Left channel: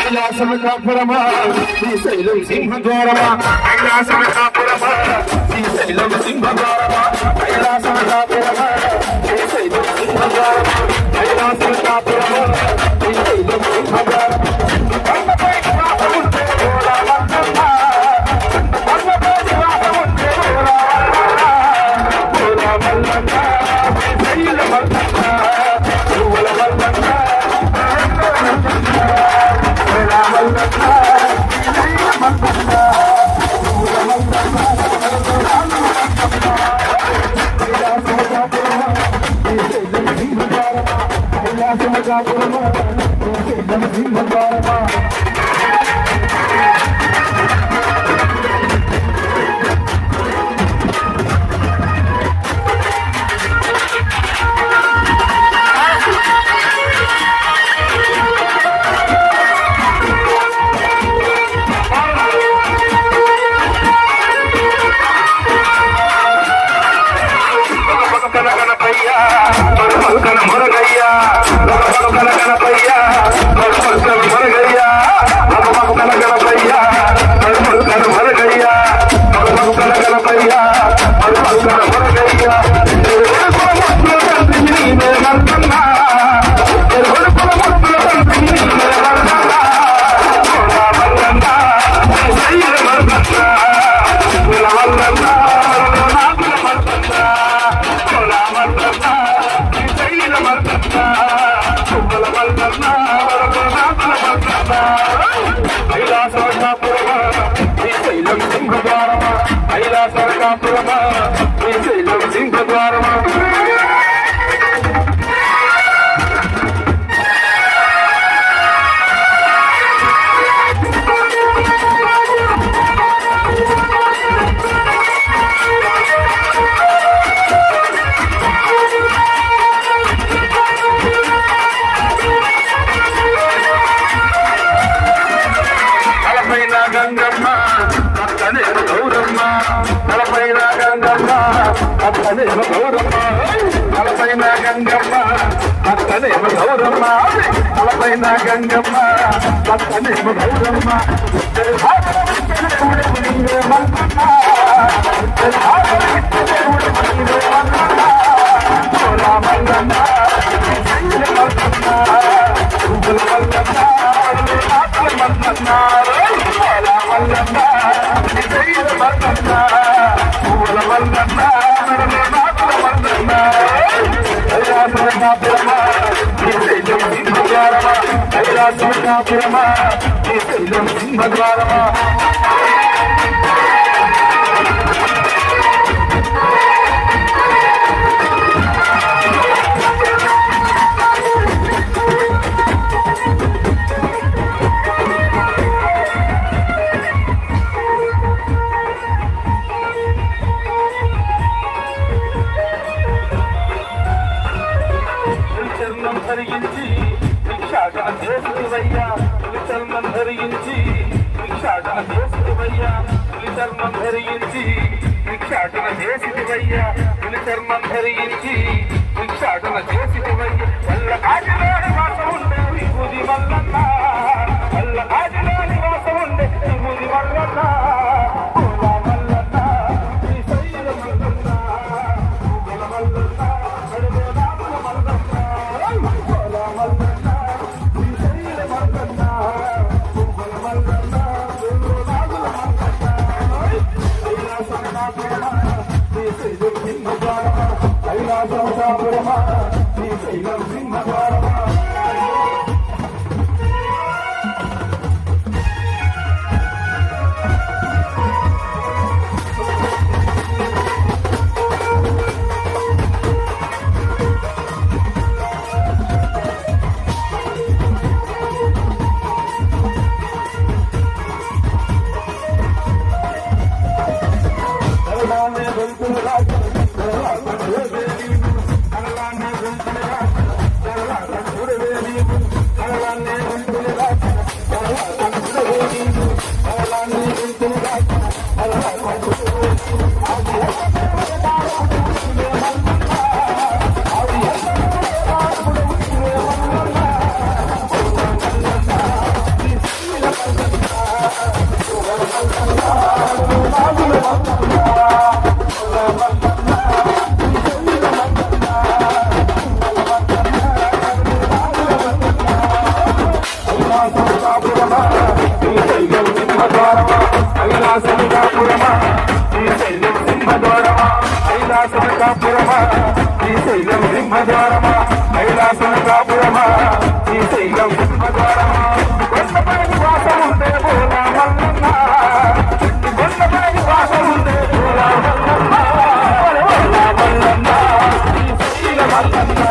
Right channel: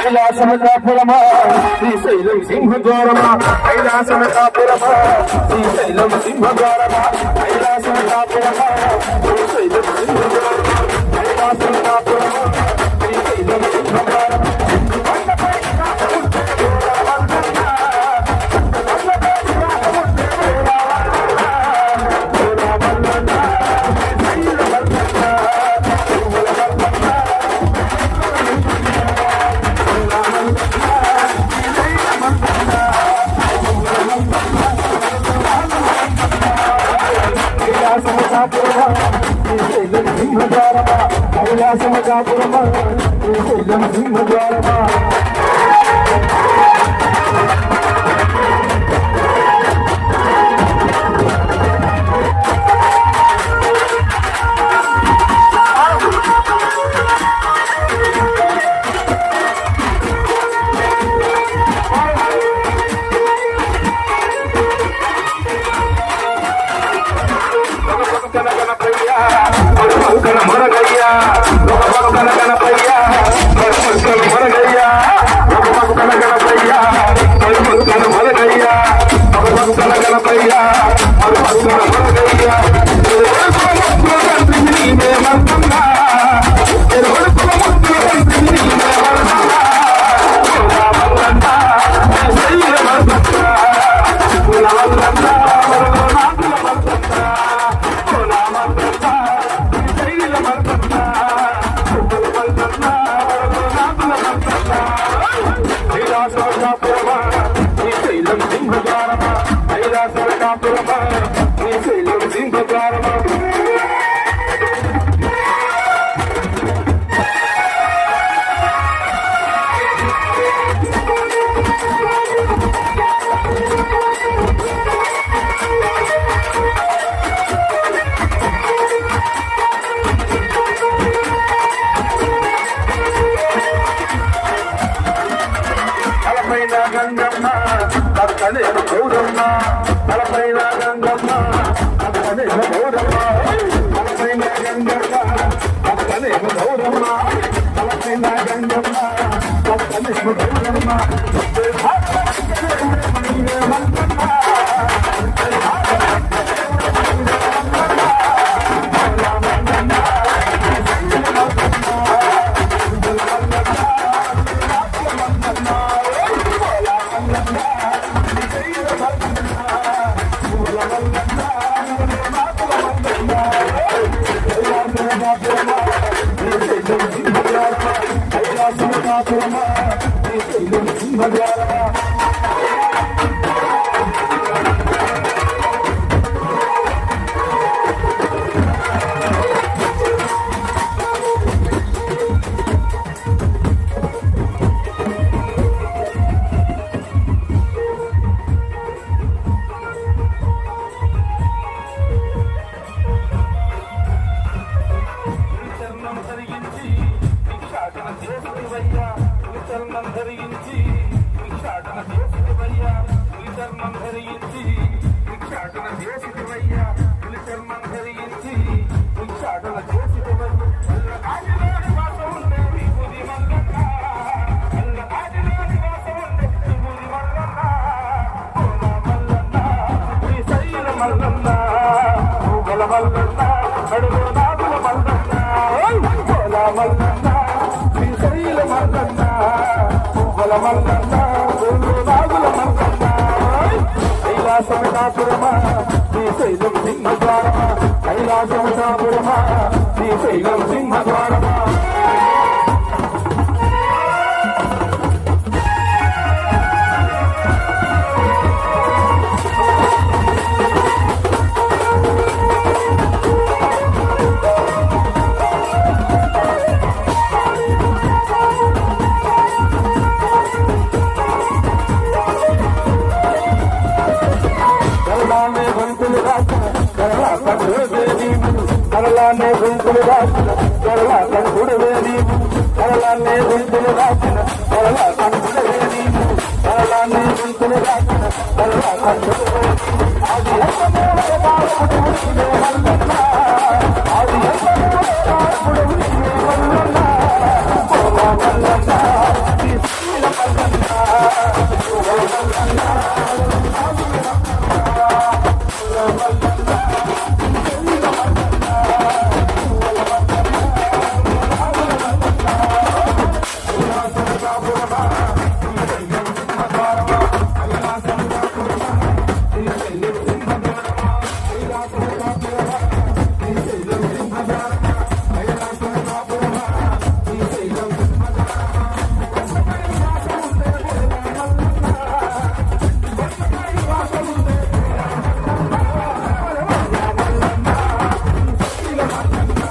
కైలాసమకాపురమా శ్రీశైలం సింహద్వారమా కైలాసమకాపురమా శ్రీశైలం సింహద్వారమా కైలాసమకాపురమా శ్రీశైలం సింహద్వారమా కైలాసమకాపురమా శ్రీశైలం సింహద్వారమా కొండపై నివాసం ఉంటే గోరావల్లన్న కొండపై నివాసం ఉంటే గోరావల్లన్న శ్రీశైలం వల్లన్న పువ్వుల వల్లన్న కైలాసమకాపురమా శ్రీశైలం సింహద్వారమా మొరగయ్యా కనపయ్యా మొరగయ్యా కనపయ్యా మొరగయ్యా కనపయ్యా మొరగయ్యా కైలాసమకాపురమా శ్రీశైలం సింహద్వారమా కైలాసమకాపురమా శ్రీశైలం సింహద్వారమా గంగమ్మ పక్కనే గౌరమ్మ తలపైన గంగమ్మ పక్కనే గౌరమ్మ తలపైన గంగమ్మ పక్కనే గౌరమ్మ తలపైన గంగమ్మ పక్కనే గౌరమ్మ కైలాసమకాపురమా శ్రీశైలం సింహద్వారమా కైలాసమకాపురమా శ్రీశైలం సింహద్వారమా కళలన్నీ గుంతులు దాచిన కళల కంటులే నీవు కళలన్నీ గుంతులు దాచిన కళల కంటులే అది ఎంతమూలే దాపుడు నీవే మల్లన్న అది ఎంతమూలే దాపుడు నీవే మల్లన్న ఓ మల్లన్న నీ శీల మల్లన్న ఓ మల్లన్న నాది మల్లన్న ఓ మల్లన్న కైలాసనకాపురమా శ్రీశైలం సింహద్వారమా కైలాసనకాపురమా శ్రీశైలం సింహద్వారమా కొండపై వాసం ఉండే బోలా మల్లన్న కొండపై వాసం ఉండే బోలా మల్లన్న మల్లన్న శ్రీశైల మల్లన్న